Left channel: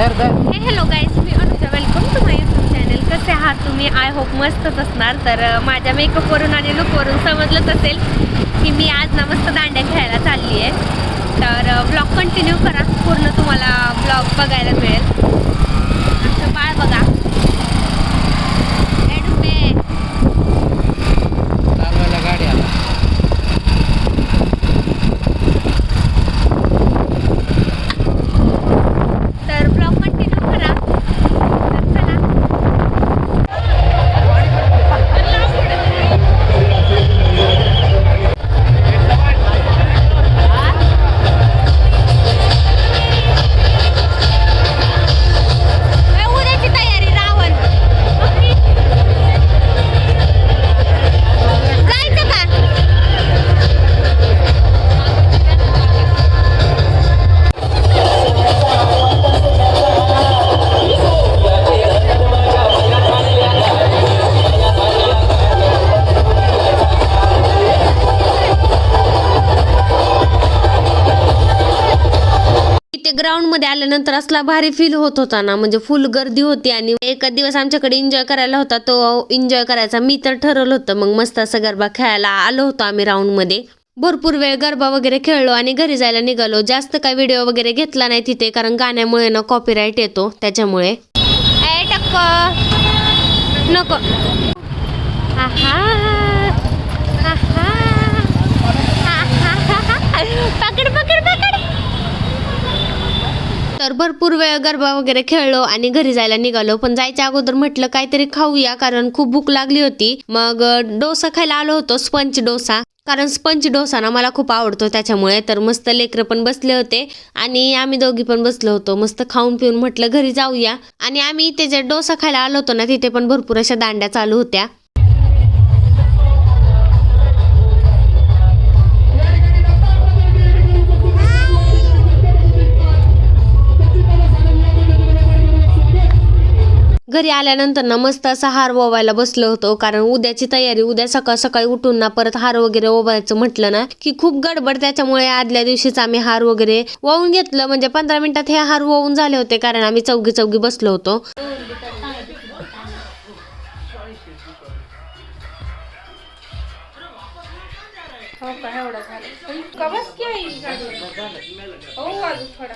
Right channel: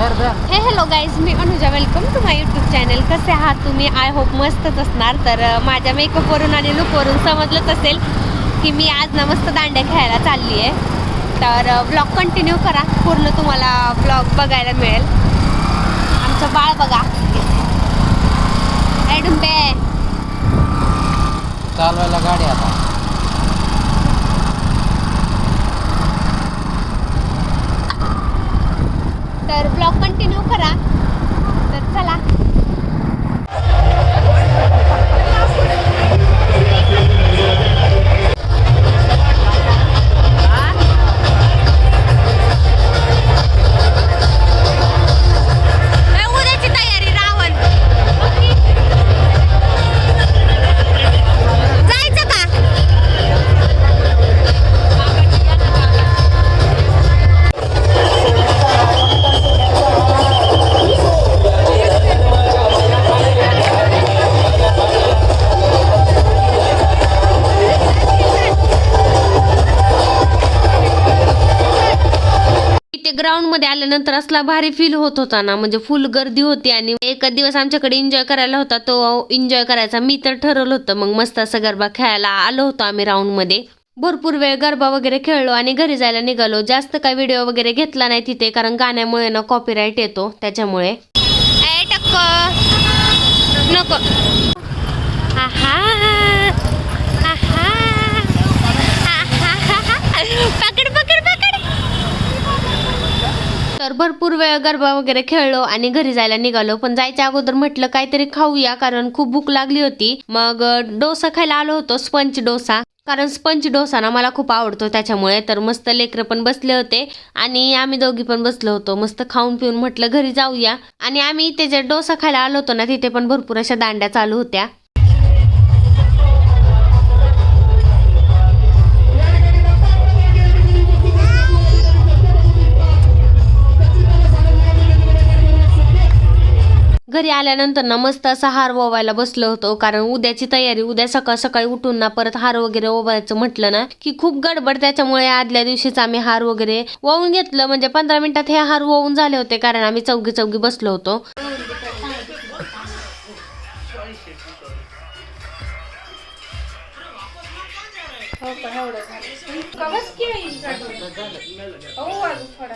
हे hello guys me Anuja. Welcome to my YouTube channel कसे आहात तुम्ही? आय होप मस्तच असणार. तर माझ्या मेकअपवरून आणि लुकवरून समजलंच असेल की मी आज ना मस्त दांड्या खेळायला चालली आहे तर ब्लॉग कंटिन्यू करा. पूर्ण तुम्हाला ब्लॉग बघायला मिळेल. आमचं बाळ बघा. डुंबे चालवायला गाडी आला. आल्यानंतर असला भारी फील होत होता ना म्हणजे फुल गर्दी होती आणि एक दिवस आमच्याकडे एन्जॉय करायला होता तो एन्जॉय करायचा. मी तर ठरवलं होतं मग मस्त असं गरबा खेळायला आलो होतो आम्ही राऊंडमध्ये. भरपूर वेळ गरबा वगैरे खेळलो आणि घरी जायला निघालो. जास्त काय व्हिडिओ वगैरे घेतला नाही तिथे कारण गाण्यामुळे ना कॉपीराईट येतो त्याच्यामुळे. ए नको. पकड पकड! तर भरपूर वेळ गरबा वगैरे खेळलो आणि घरी जायला निघालो. पण जायच्या अगोदर म्हटलं काहीतरी खाऊया कारण खूप भूक लागली होती. मग डोसा खायला आलो होतो स्पंच डोसा. कारण स्पंच डोसा ना मला खूप आवडतो त्याच्यामुळे. तर मस्त लेकरं पण बसले होते आणि आम्ही दोघी पण बसलो होतो. मस्त खाऊन पिऊन म्हटलं घरी जाऊया. आणि आम्ही इथे जे डोसा खायला आलो होतो ना तिथे पण भरपूर अशा दांड्या चालू होत्या. घरी आल्यानंतर ना मस्त असा हार ओवायला बसलो होतो. कारण उद्याची तयारी उद्या सकाळ सकाळी उठून ना परत हार वगैरे ओवायचं म्हटलं ना की खूप गडबड त्याच्यामुळे आदल्या दिवशीच आम्ही हार वगैरे वाहून घेतलं. म्हणजे पंधरा मिनिटात हे हार वाहून झाले होते कारण आम्ही चौघी चौघी बसलो होतो.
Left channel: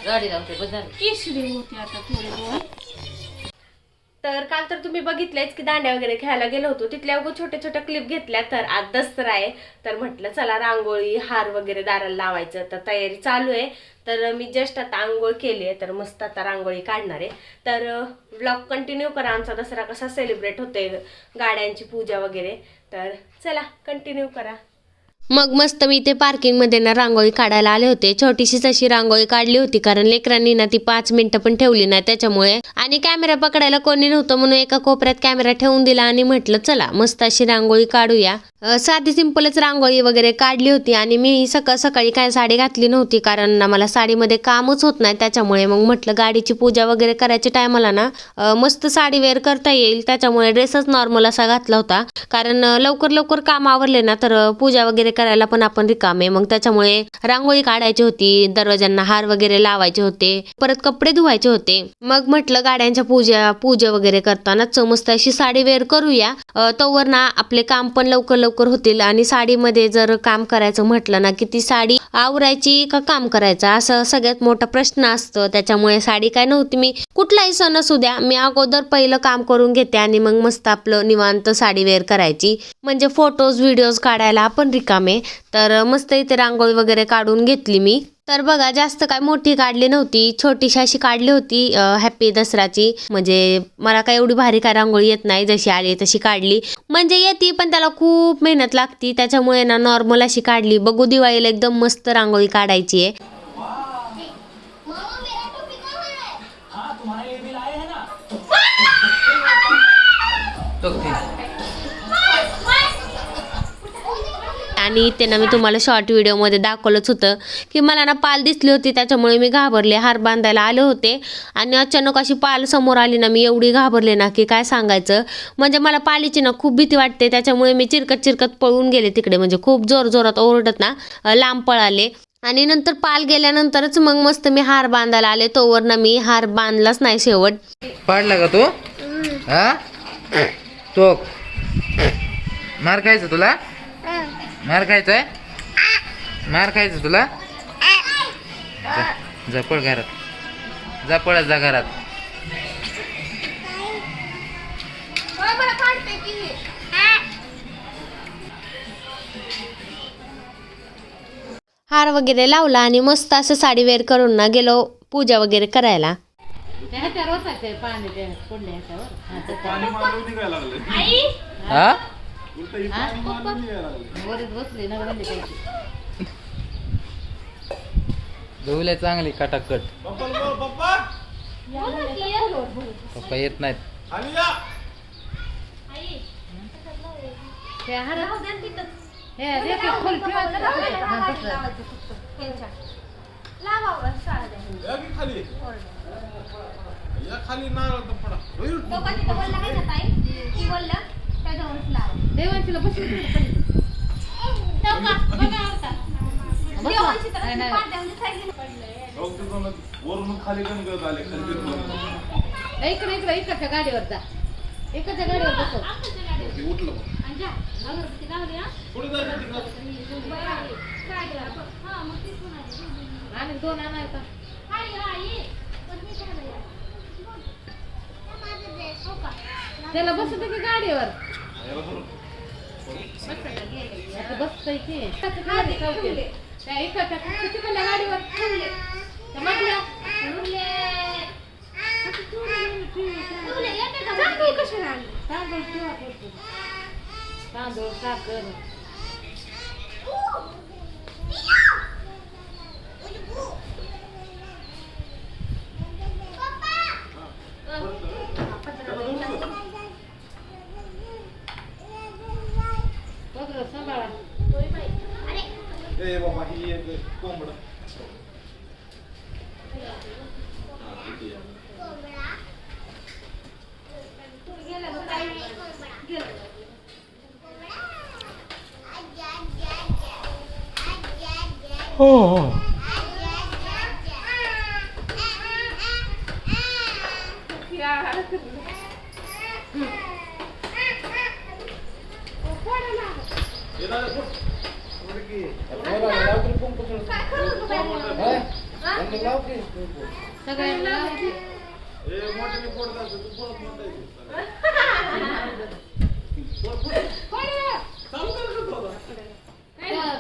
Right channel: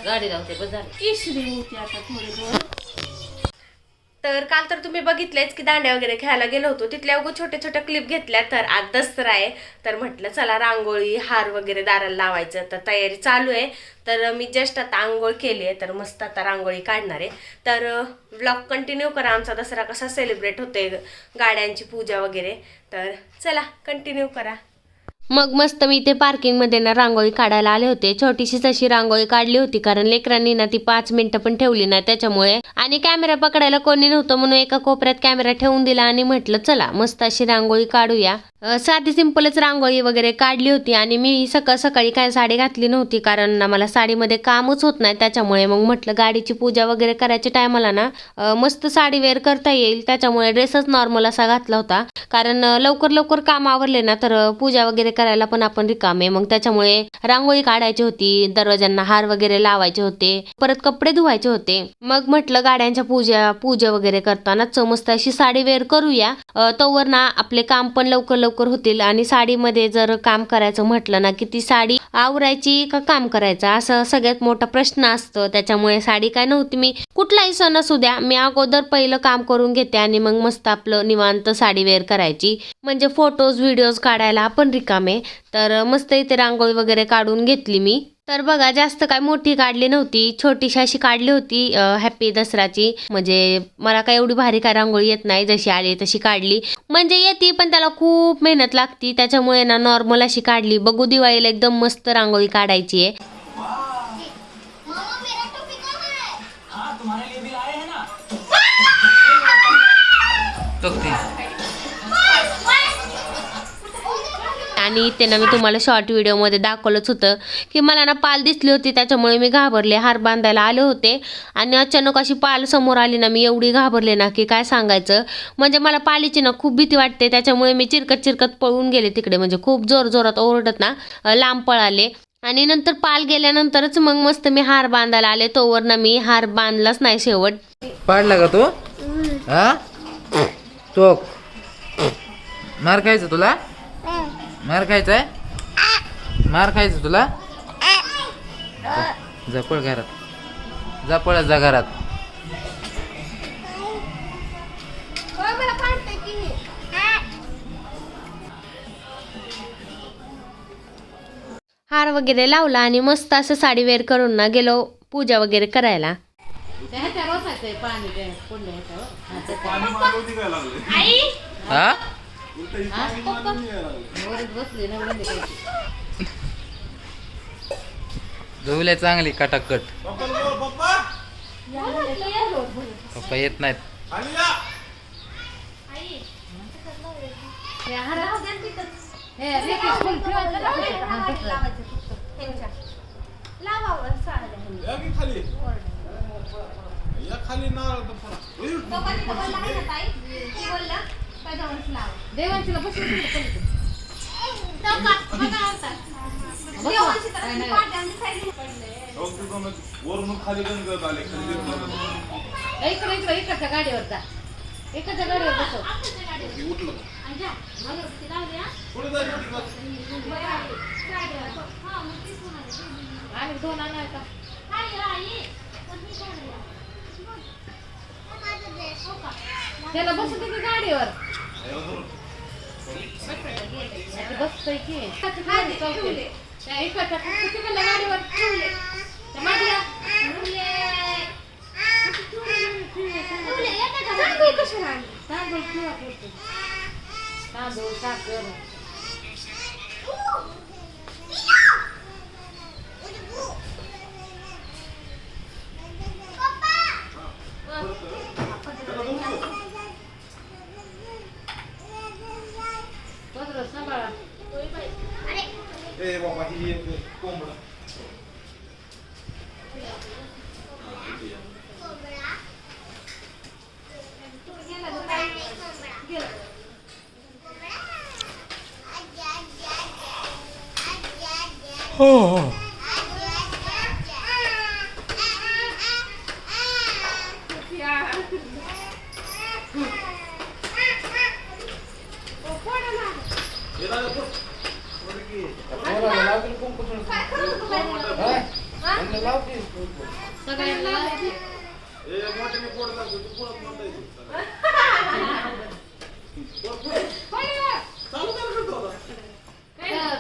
गाडी लावते बस झालं. तर काल तर तुम्ही बघितलेच की दांड्या वगैरे खेळायला गेलो होतो. तिथल्या अगो छोट्या छोट्या क्लिप घेतल्या तर आज दसरा आहे. तर म्हटलं चला रांगोळी हार वगैरे दाराला लावायचं. तर तयारी चालू आहे. तर मी जस्ट आता आंघोळ केली आहे. तर मस्त आता रांगोळी काढणार आहे. तर ब्लॉग कंटिन्यू करा. आमचा दसरा कसा सेलिब्रेट होते गाड्यांची पूजा वगैरे. तर चला कंटिन्यू करा. मग मस्त मी इथे पार्किंगमध्ये ना रांगोळी काढायला आले होते. छोटीशीच अशी रांगोळी काढली होती कारण लेकरांनी ना ती पाच मिनिटं पण ठेवली नाही त्याच्यामुळे. आणि कॅमेरा पकडायला कोणी नव्हतं म्हणून एका कोपऱ्यात कॅमेरा ठेवून दिला आणि म्हटलं चला मस्त अशी रांगोळी काढूया. साधी सिंपलच रांगोळी वगैरे काढली होती आणि मी सकाळ सकाळी काय साडी घातली नव्हती कारण ना मला साडीमध्ये कामच होत नाही त्याच्यामुळे. मग म्हटलं गाडीची पूजा वगैरे करायच्या टायमाला ना मस्त साडी वेअर करता येईल. त्याच्यामुळे ड्रेसच नॉर्मल असा घातला होता. कारण लवकर लवकर काम आवरले ना तर पूजा वगैरे करायला पण आपण रिकामे. मग त्याच्यामुळे रांगोळी काढायची होती दरवाजांना हार वगैरे लावायचे होते परत कपडे धुवायचे होते. मग म्हटलं गाड्यांच्या पूजा पूजा वगैरे करताना मस्त अशी साडी वेअर करूया. तोवर ना आपले काम पण लवकर लवकर होतील आणि साडीमध्ये जर काम करायचं म्हटलं ना की ती साडी आवरायची का काम करायचं? असं सगळ्यात मोठा प्रश्न असतो. त्याच्यामुळे साडी काय नव्हती मी कुठलाही सण असू द्या मी अगोदर पहिलं काम करून घेते आणि मग मस्त आपलं निवांत साडी वेअर करायची. म्हणजे फोटोज व्हिडिओज काढायला आपण रिकाम तर मस्त इथे रांगोळी वगैरे काढून घेतली मी. तर बघा जास्त काय मोठी काढली नव्हती. छोटीशी अशी काढली होती हॅपी दसराची म्हणजे मला काय एवढी भारी काय रांगोळी येत नाही. जशी आली तशी काढली. म्हणजे येते पण त्याला खूप मेहनत लागती. त्याच्यामुळे ना नॉर्मल अशी काढली. बघू दिवाळीला एकदम मस्त रांगोळी काढायची आहे. चौकतीस आणि ते ना मी तुम्हाला शॉर्ट व्हिडिओमध्ये दाखवलंच होतं. की मला ना पाल दिसली होती त्याच्यामुळे मी घाबरले. हार बांधायला आले होते आणि अचानक अशी पाल समोर आली ना मी एवढी घाबरले ना की काय सांगायचं? म्हणजे मला पालीची ना खूप भीती वाटते. त्याच्यामुळे मी चिरकत चिरकत पळून गेले तिकडे. म्हणजे खूप जोर जोरात ओरडत ना लांब पळाले. आणि नंतर पाल गेल्यानंतरच मग मस्त मी हार बांधायला आले. तोवर ना मी हार बांधलाच नाही शेवट. पाडला का तू? हा? चोक मार खायचं तुला? मार खायचंय? मार खायचं तुला? जा- जा पळ घरात. जा पळत जा घरात. हार वगैरे लावला आणि मस्त असं साडी वेअर करून ना गेलो पूजा वगैरे करायला. हा? धुवले चांगली कटाकट. पप्पा येत नाहीत. खाली? या हो, तिथून वरून खाली गणगत आले खाली. इकडे इकडे इकडच्या गाडीवर जा इकडच्या गाडीवर बसव उठलं. आणि दोन आणाय त्याला बसत की गाडीवर आता बसतोय की इकडच्या गाडी चौकीत. त्या इकडच्या किती म्हणलं गाडीवर त्या मागल्या. तांदूळ किंवा करतो. तांदूळ साखर ए बाबा ही एक कोंबडा सगळ्यांना लावायची. ए मोठ्याने पोट दाखव तू पोट म्हणता त्या-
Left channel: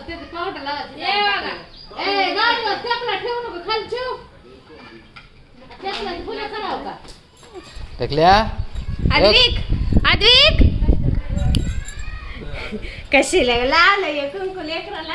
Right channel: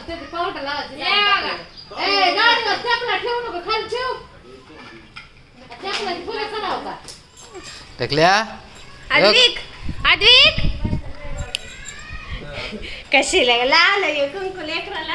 त्याची पावडर लावायची. ए, गाडीवर चपला ठेवू नको खाली ठेव चपलाची फुलं करावं का टकल्या आद्विक आद्विक कशी लावलं हे कुंकू लेकराला.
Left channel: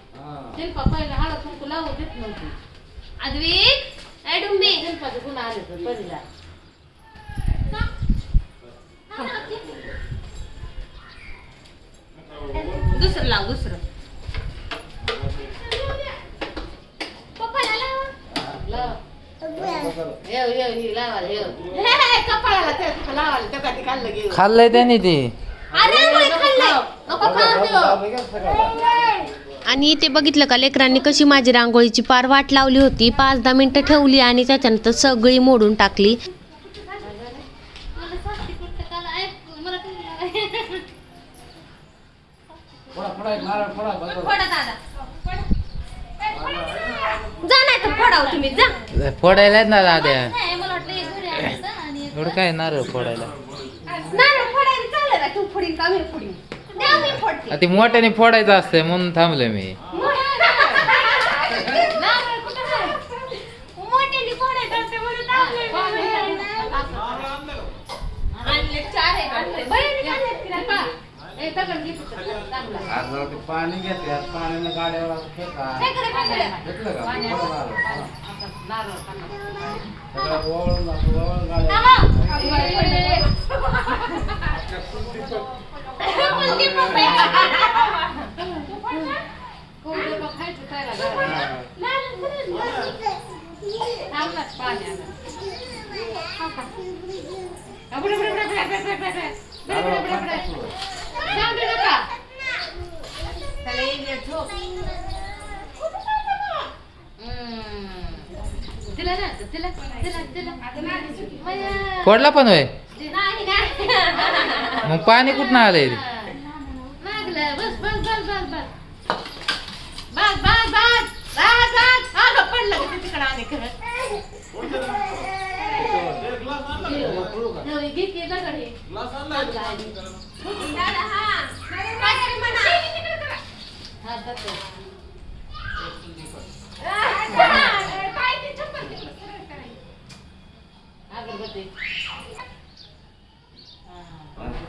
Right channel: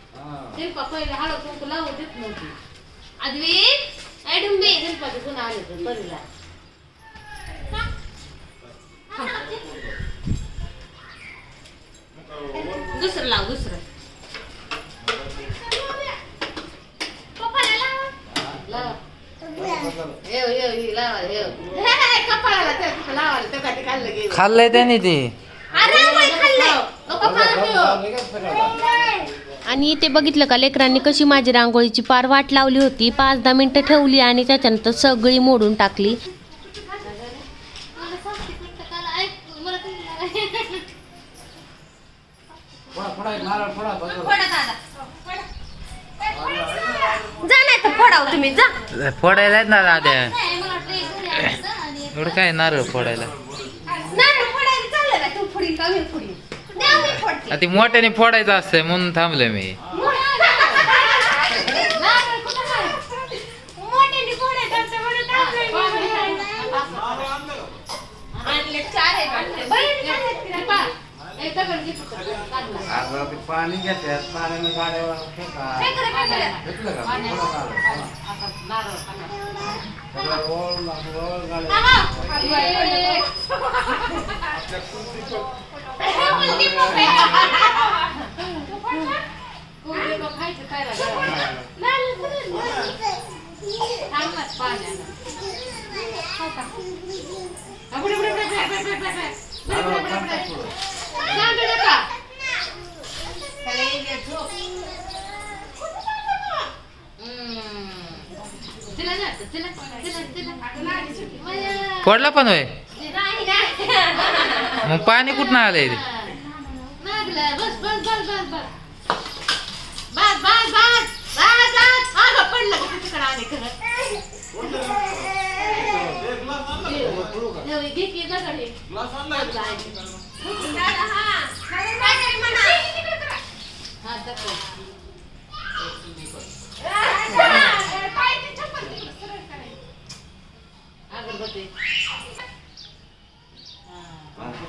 शिल्पा पहिले हळद कुंकू लावू देत नव्हती. आद्विक ऍडुंबे शिल्पाचे गुन्हा आले तर परीला दुसरं लाव दुसरं. लाव. येऊ येऊ ही लावायला येऊ. हे, हे, कपाळाला त्या तिथं लावायला त्या काठी खाल्लं गेलं खाल्लंय त्याने ते. पप्पा. आणि ते बघितलं का लेकरांनी कशी माझी रांगोळीची पार वाट लावली होती. पाच दहा मिनिटं ठेवली आणि त्याच्यानंतर सगळी मोडून टाकली. फोडायला ना दाद्या? एवढं काय नारळ फोडायला नाही फोडायला चाललं ना तू मोठ्याने फोडायचं असतंय म्हणून थांबलोय मी. पाणी घेतात पाण्यानं गाड्या ए, फोडला पण होय. मग पाणी कुठं आलंय नागलं. बस, बस, बस, पडलं खरं. हा, अगरबत्ती.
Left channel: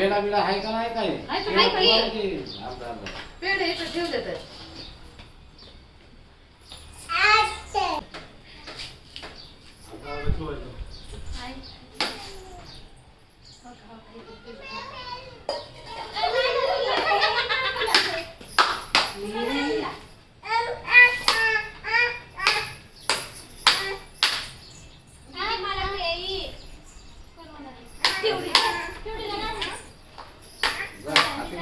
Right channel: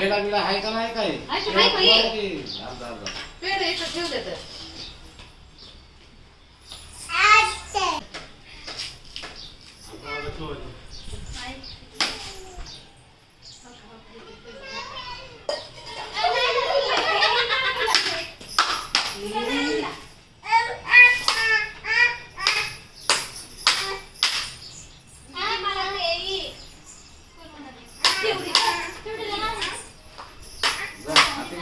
पेढा बिडा आहे का नाही काय आहे का? आहे का? ये. अर्धा, अर्धा. पेढे इकडं ठेवले तर. ठेवायचं. जा, आता इकडे त्या शिंपा प्रसाद दे. हे बघ, त्यांना नारळ दे. आई, आई. नारळ प्रसाद दे. बांधू नका, फक्त पेढे दे. ते. ते कावळे ठेवून दे. ठेव. परीला दे की पेढा. बरोबर खा बा. पेढा घे. तुला तर काहीच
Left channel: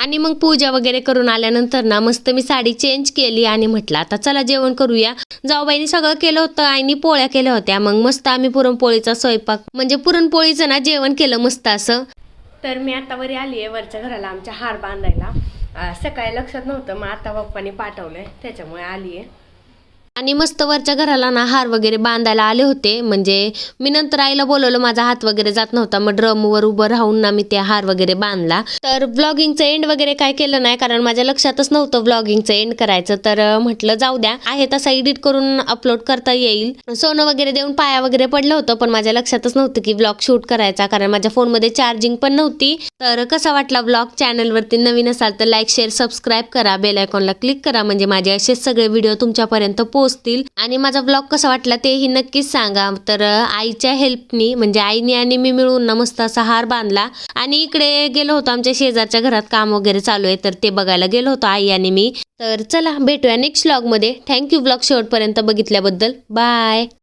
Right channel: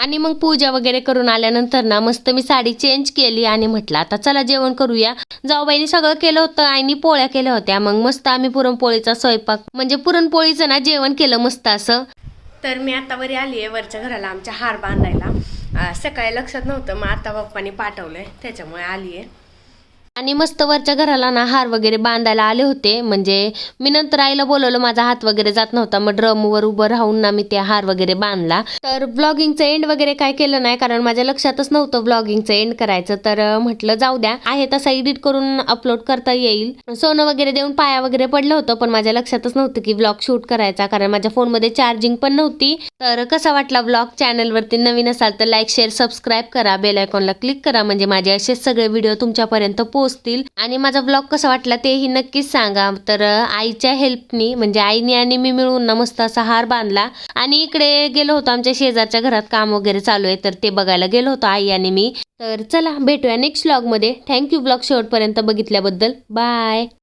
आणि मग पूजा वगैरे करून आल्यानंतर ना मस्त मी साडी चेंज केली आणि म्हटलं आता चला जेवण करूया. जाऊबाईने सगळं केलं होतं आईनी पोळ्या केल्या होत्या. मग मस्त आम्ही पुरणपोळीचा स्वयंपाक म्हणजे पुरणपोळीचं ना जेवण केलं मस्त असं. तर मी आता वरी आली आहे वरच्या घराला आमच्या हार बांधायला. सकाळी लक्षात नव्हतं मग आता पप्पानी पाठवलंय त्याच्यामुळे आली आहे. आणि मस्त वरच्या घराला ना हार वगैरे बांधायला आले होते. म्हणजे मी नंतर आईला बोलवलं माझा हात वगैरे जात नव्हता. मग ड्रमवर उभं राहून ना मी ते हार वगैरे बांधला. तर ब्लॉगिंगचं एंड वगैरे काय केलं नाही कारण माझ्या लक्षातच नव्हतं ब्लॉगिंगचं एंड करायचं. तर म्हटलं जाऊ द्या. आहे तसा एडिट करून अपलोड करता येईल. सोनं वगैरे देऊन पाया वगैरे पडलं होतं पण माझ्या लक्षातच नव्हतं की ब्लॉग शूट करायचा कारण माझ्या फोनमध्ये चार्जिंग पण नव्हती. तर कसा वाटला ब्लॉग चॅनलवरती नवीन असाल तर लाईक शेअर सबस्क्राईब करा. बेल आयकॉनला क्लिक करा. म्हणजे माझे असेच सगळे व्हिडिओ तुमच्यापर्यंत पोचतील. आणि माझा ब्लॉग कसा वाटला तेही नक्कीच सांगा. तर आईच्या हेल्पनी म्हणजे आईने आणि मी मिळून ना मस्त असा हार बांधला. आणि इकडे गेलो होतो आमच्या शेजारच्या घरात काम वगैरे चालू आहे तर ते बघायला गेलो होतो आई आणि मी. तर चला भेटूया नेक्स्ट ब्लॉगमध्ये थँक्यू ब्लॉग शेवटपर्यंत बघितल्याबद्दल. बाय